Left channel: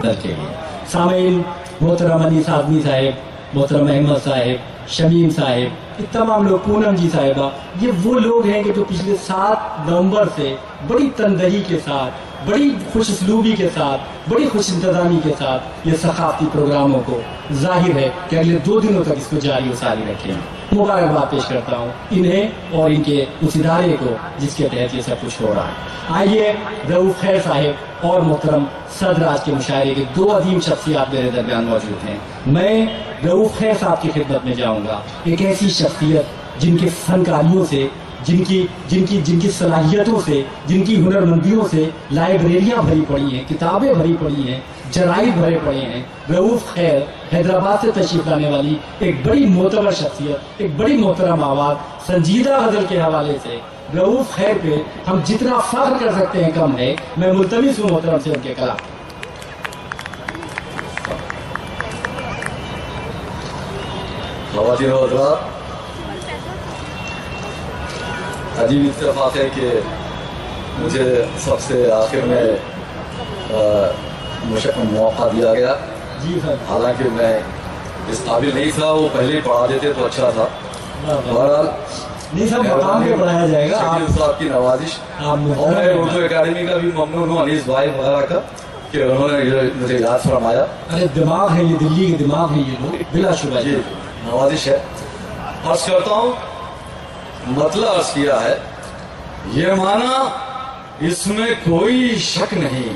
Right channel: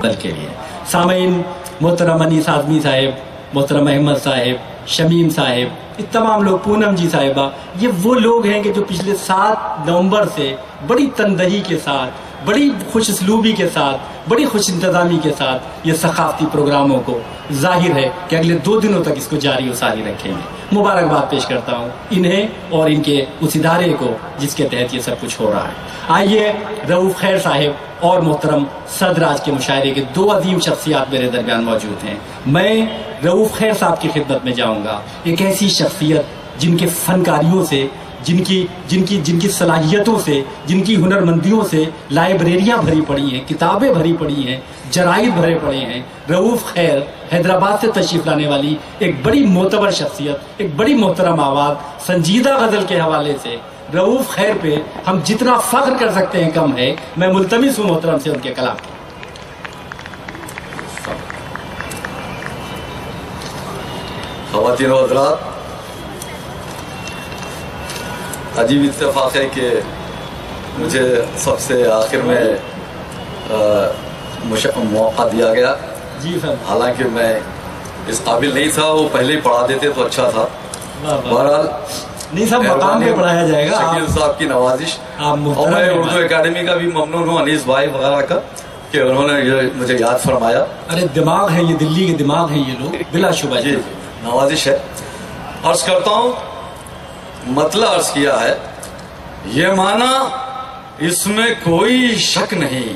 दल के लिए। सामीन मोहतरम अनीस आज़मी साहिब, मोहतरम अहमद साहिब, शमीम साहिब, ये तमाम लोग, पूनम जी साहिबा, ये वो लोग हैं कि जो पिछले 7 नवंबर से बड़ी तनदही के साथ, बड़ी खुश उसलूबी के साथ, बड़ी खुश इंतज़ामी के साथ ये सकाफ़ती प्रोग्रामों को जाहिर है कि अगले 2 दिनों तक इसको जारी व सारी रखेंगे। मुबारकबाद पेश करता हूँ इन्हें और इनके उस इदारे को जिसके तहत ये सब कुछ हो रहा है। आइए रऊफ़ खैर साहिब और मोहतरम सदर आज के मुशायरे के 2 अजीम शख्सियात मेरे दरमियान मौजूद हैं। मैं रऊफ़ खैर साहब की खिदमत में जाऊँगा, एक ऐसी शख्सियत जिनके फनकारियों से, जिनकी सलाहियतों से, जिनकी हुनरमंदियों से लाइब्रेरियाँ भरी पड़ी हैं, किताबें भरी पड़ी हैं, जराइद भरे पड़े हैं। रऊफ़ खैर हैदराबाद से तशरीफ़ लाने वाली एक बड़ी मोतबर शख्सियत, एक बड़ी मोहतरम आवाज़, संजीदा गज़ल के हवाले से रऊफ़ खैर पे हम जितना फ़ख्र कर सकते हैं कम है। मैं मुल्तमिस हूँ मोहतरम से उनके कलाम। ख़वातीन व हज़रात, अजीब इत्तेफ़ाक़ है कि मुझे सबसे आखिर में मौका दिया गया। जी सर। हालांकि मैं इस काबिल नहीं था, वो पहले ही पढ़ा देते तो अच्छा था। बहरहाल नहीं सब मकाम पे पढ़ाया जाएगा। शकील साहब की नवाजिश, और मैं उर्दू एकेडमी का भी ममनून हूँ अनीस भाई वगैरह का कि उन्होंने मुझे याद फरमाया। अरे दिमाग है ये, दिल्ली के दिमाग है ये लोग, बिला शुबा जी, नवाजिश है। अर्ज करता हूँ, मतलब अर्ज किया है, ये माना इसमें कोई शक नहीं,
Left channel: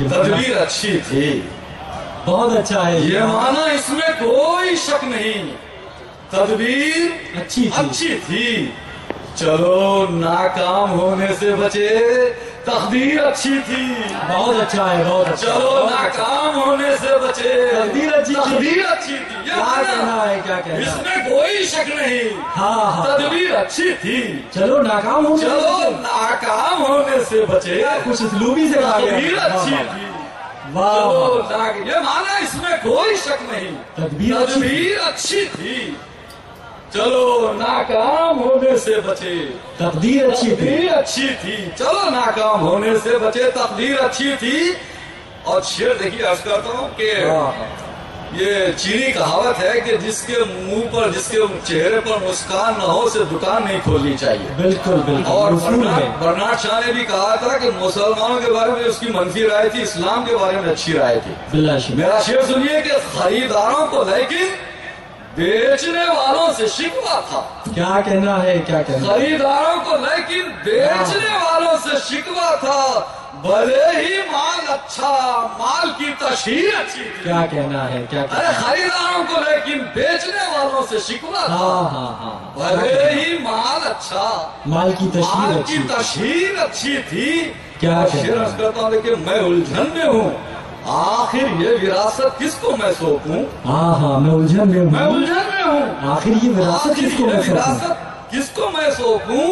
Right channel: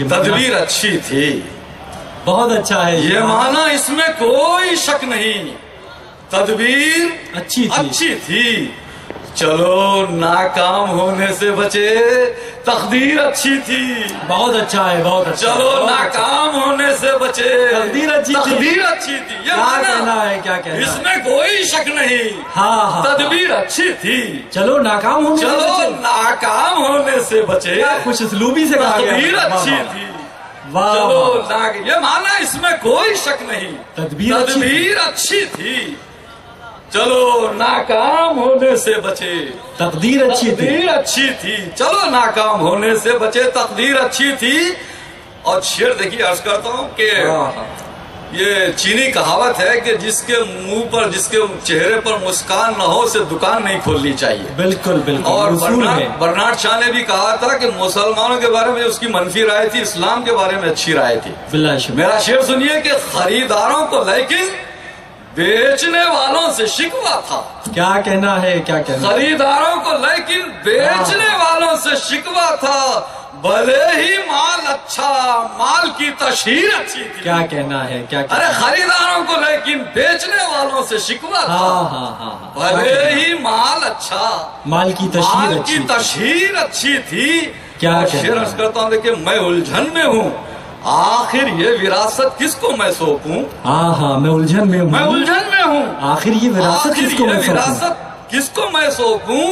तदबीर अच्छी थी। बहुत अच्छा है ये माना इसमें कोई शक नहीं, तदबीर अच्छी थी। चलो नाकाम होने से बचे, तकदीर अच्छी थी। बहुत अच्छा है, बहुत अच्छा। चलो नाकाम होने से बचे, तकदीर अच्छी थी। ये माना है, क्या कहना है? इसमें कोई शक नहीं, हाँ, तदबीर अच्छी थी। चलो नाकाम होने से बचे, कुछ उसलूबी से तकदीर अच्छी थी। चलो ये माना इसमें कोई शक नहीं, तदबीर अच्छी थी। चलो नाकाम होने से बचे, तकदीर अच्छी थी। चलो नाकाम होने से बचे, तकदीर अच्छी थी। और शेर देखिए, अर्ज करता हूँ कि ये चीनी कहावत है कि जिसके मुंह पर, जिसके चेहरे पर मुस्कान न हो से दुकान नहीं खोलनी चाहिए। बिल्कुल बिल्कुल। और बर्नार्ड शॉ ने भी कहा था कि मुसलमानों के बारे में उसकी मनफी राय थी, इस्लाम के बारे में अच्छी राय थी। मेरा शेर सुनिए कि खरीदारों को लेकिन बेचने वालों से शिकवा था। क्या कहना है, क्या कहना? खरीदारों को लेकिन बेचने वालों से शिकवा था, भले ही माल अच्छा, माल की तशहीर अच्छी थी। क्या कहना है, क्या कहना? अरे खरीदारों को लेकिन बेचने वालों से शिकवा था, भले ही माल अच्छा, माल की तशहीर अच्छी थी। क्या शेर अर्ज करता हूँ, देखिए मैं उलझन में हूँ, आखिर ये विरासत किसको मैं सौंपूं? मैं उलझन में हूँ, आखिर ये विरासत किसको मैं सौंपूं?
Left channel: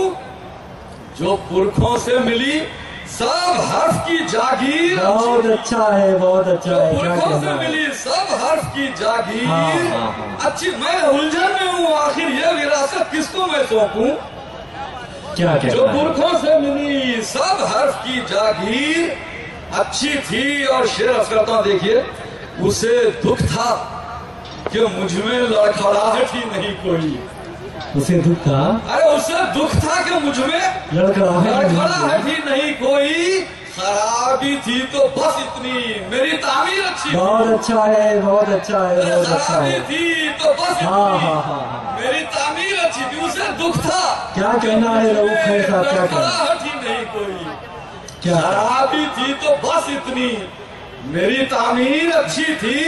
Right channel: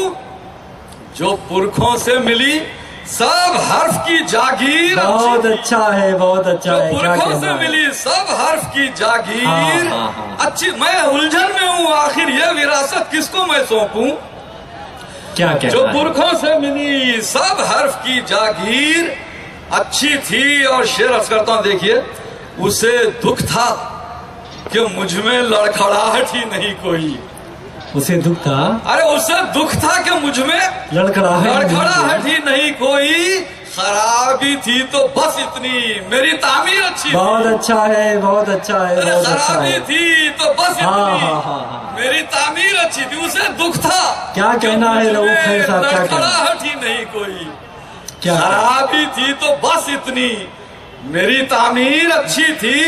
जो पुरखों से मिली सब हर्फ की जागीर। बहुत अच्छा है, बहुत अच्छा है। पुरखों से मिली सब हर्फ की जागीर अच्छी। मैं उलझन में हूँ, आखिर ये विरासत किसको मैं सौंपूं? क्या जो पुरखों से मिली सब हर्फ की जागीर अच्छी थी। और शेर अर्ज करता हूं, देखिए, उसे दुख था कि मुझ में लड़खड़ाहट ही नहीं कोई। उसे दुख था, अरे उसे दुख था कि मुझ में लड़खड़ाहट ही नहीं कोई। खराबी थी तो बस इतनी, मेरी तामीर अच्छी थी। बहुत अच्छा है, बहुत अच्छा है। खराबी थी तो बस इतनी, मेरी तामीर अच्छी थी। उसे दुख था, क्या कहना है रऊफ़ खैर साहब? लड़खड़ाहट ही नहीं कोई, खराबी थी तो बस इतनी, मेरी तामीर अच्छी थी।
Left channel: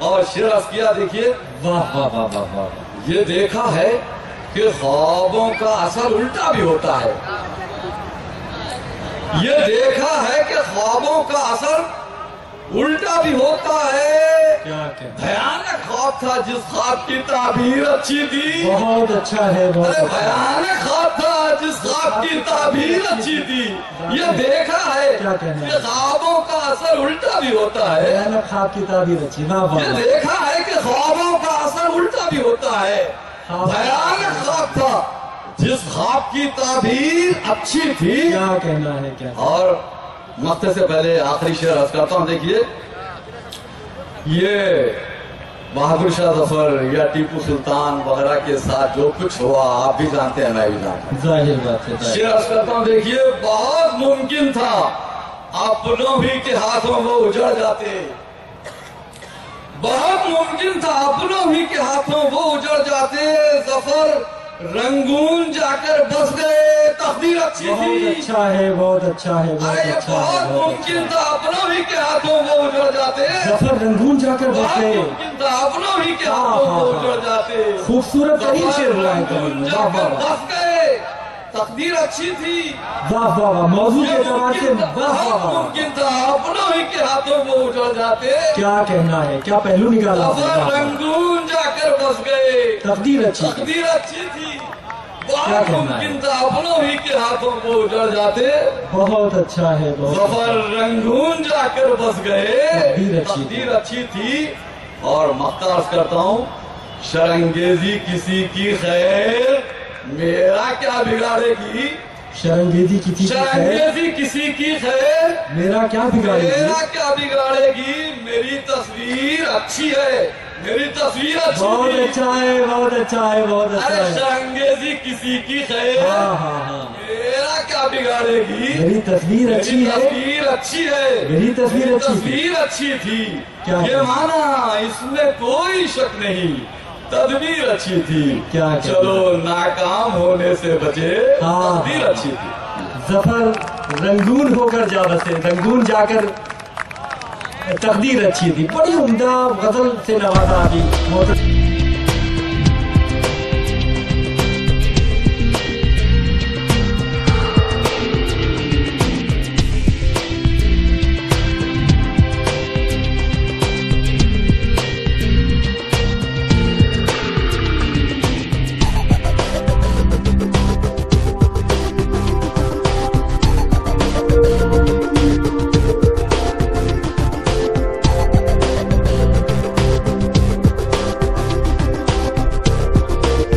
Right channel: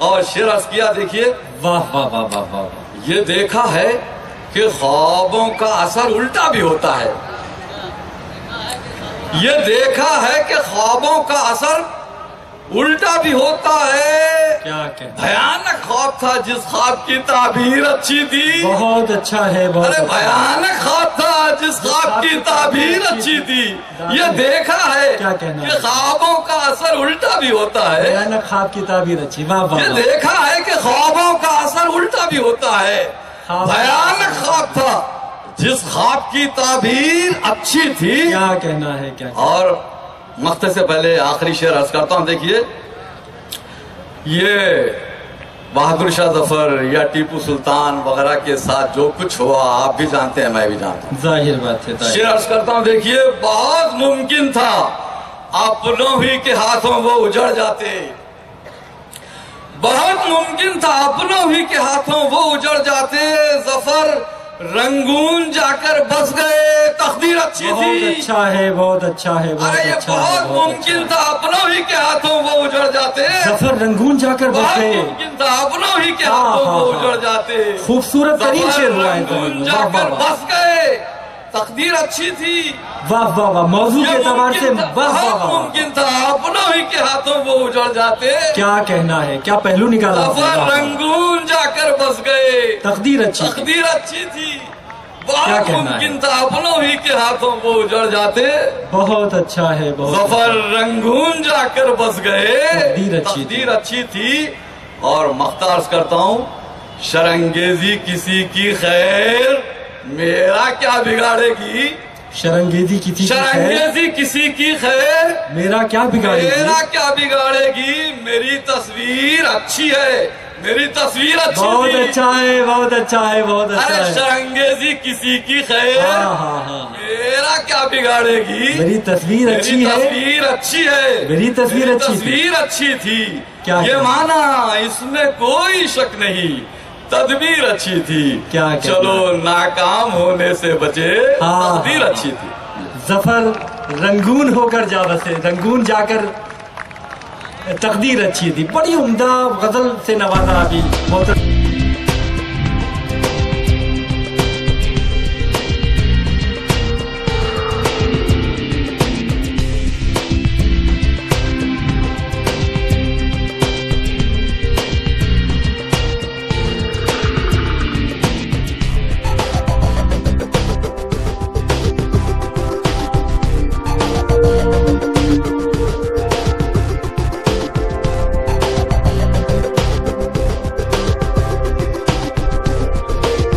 और शेर अर्ज किया, देखिए, वाह वाह वाह वाह वाह। ये देखा है कि ख्वाबों का असर उल्टा भी होता है। ये देखा है कि ख्वाबों का असर उल्टा भी होता है। क्या कहना? भयानक ख्वाब था जिस ख्वाब की ताबीर अच्छी थी। बहुत अच्छा है, बहुत। अरे भयानक ख्वाब था जिस ख्वाब की ताबीर अच्छी थी। ये देखा है कि ख्वाबों का असर उल्टा भी होता है। भयानक ख्वाब की ताबीर अच्छी, वाह वाह। ये देखा है कि ख्वाबों का असर उल्टा भी होता है। भयानक ख्वाब था जिस ख्वाब की ताबीर अच्छी थी। क्या कहना है, क्या? और मक्ते से पहले आखिरी शेर अर्ज करता हूँ, देखिए, یہ بہادر شاہ ظفر یا ٹیپو سلطان وغیرہ کے ساتھ جو کچھ ہوا آپ بھی جانتے ہیں، میں بھی جانتا ہوں. ظاہر بات ہے. شعر عرض کرتا ہوں، دیکھیے بہت ممکن تھا اپنوں ہی کے ہاتھوں وہ اجڑ جاتے، بہت ممکن تھا اپنوں ہی کے ہاتھوں وہ اجڑ جاتے. ظفر رنگون جا کر بس گئے، تقدیر اچھی تھی. بہت اچھا ہے، بہت اچھا ہے. ارے یہ بہت ممکن تھا اپنوں ہی کے ہاتھوں وہ اجڑ جاتے. ظفر رنگون جا کر بس بہت گئے. ممکن تھا اپنوں ہی کے ہاتھوں وہ اجڑ جاتے. خوبصورت ترین شعر ہوا ہے. رنگون جا کر بس گئے، تقدیر اچھی تھی. واہ واہ واہ، موضوع کے اعتبار سے واہ واہ بہت واہ. ممکن تھا اپنوں ہی کے ہاتھوں وہ اجڑ جاتے. کیا کہنا ہے، کیا پہلو نکالا. ظفر رنگون جا کر بس گئے، تقدیر اچھی. تقدیر اچھی تھی. بہت ممکن تھا اپنوں ہی کے ہاتھوں وہ اجڑ جاتے. بہت اچھا ہے. ظفر رنگون جا کر بس گئے، تقدیر اچھی تھی. اور مختار کرتا ہوں، شرنگیزی کسی کی خیر میرا کیا بگاڑے گی. شرنگیزی کی تھی، شرنگیزی کسی کی خیر میرا کیا بگاڑے گی. میرا کیا بگاڑے گی. میری تصویر اچھی ہے، میری تصویر اچھی بہت تھی. اچھا ہے، بہت اچھا ہے، بہت اچھا ارے ہے. شرنگیزی کسی کی خیر ہاں ہاں ہاں. میرا کیا بگاڑے گی. میری تصویر اچھی ہے، تصویر اچھی ہے، میری تصویر اچھی تھی. تصویر اچھی تھی. کیا یہ مانا اس میں کوئی شک نہیں، تدبیر اچھی تھی. کیا چلو ناکام ہونے سے بچے، ہاں، تدبیر اچھی تھی. ظفر رنگون ہو کر جا بسے، رنگون جا کر تقدیر اچھی تھی. بڑی عمدہ غزل سے نوازا ابھی.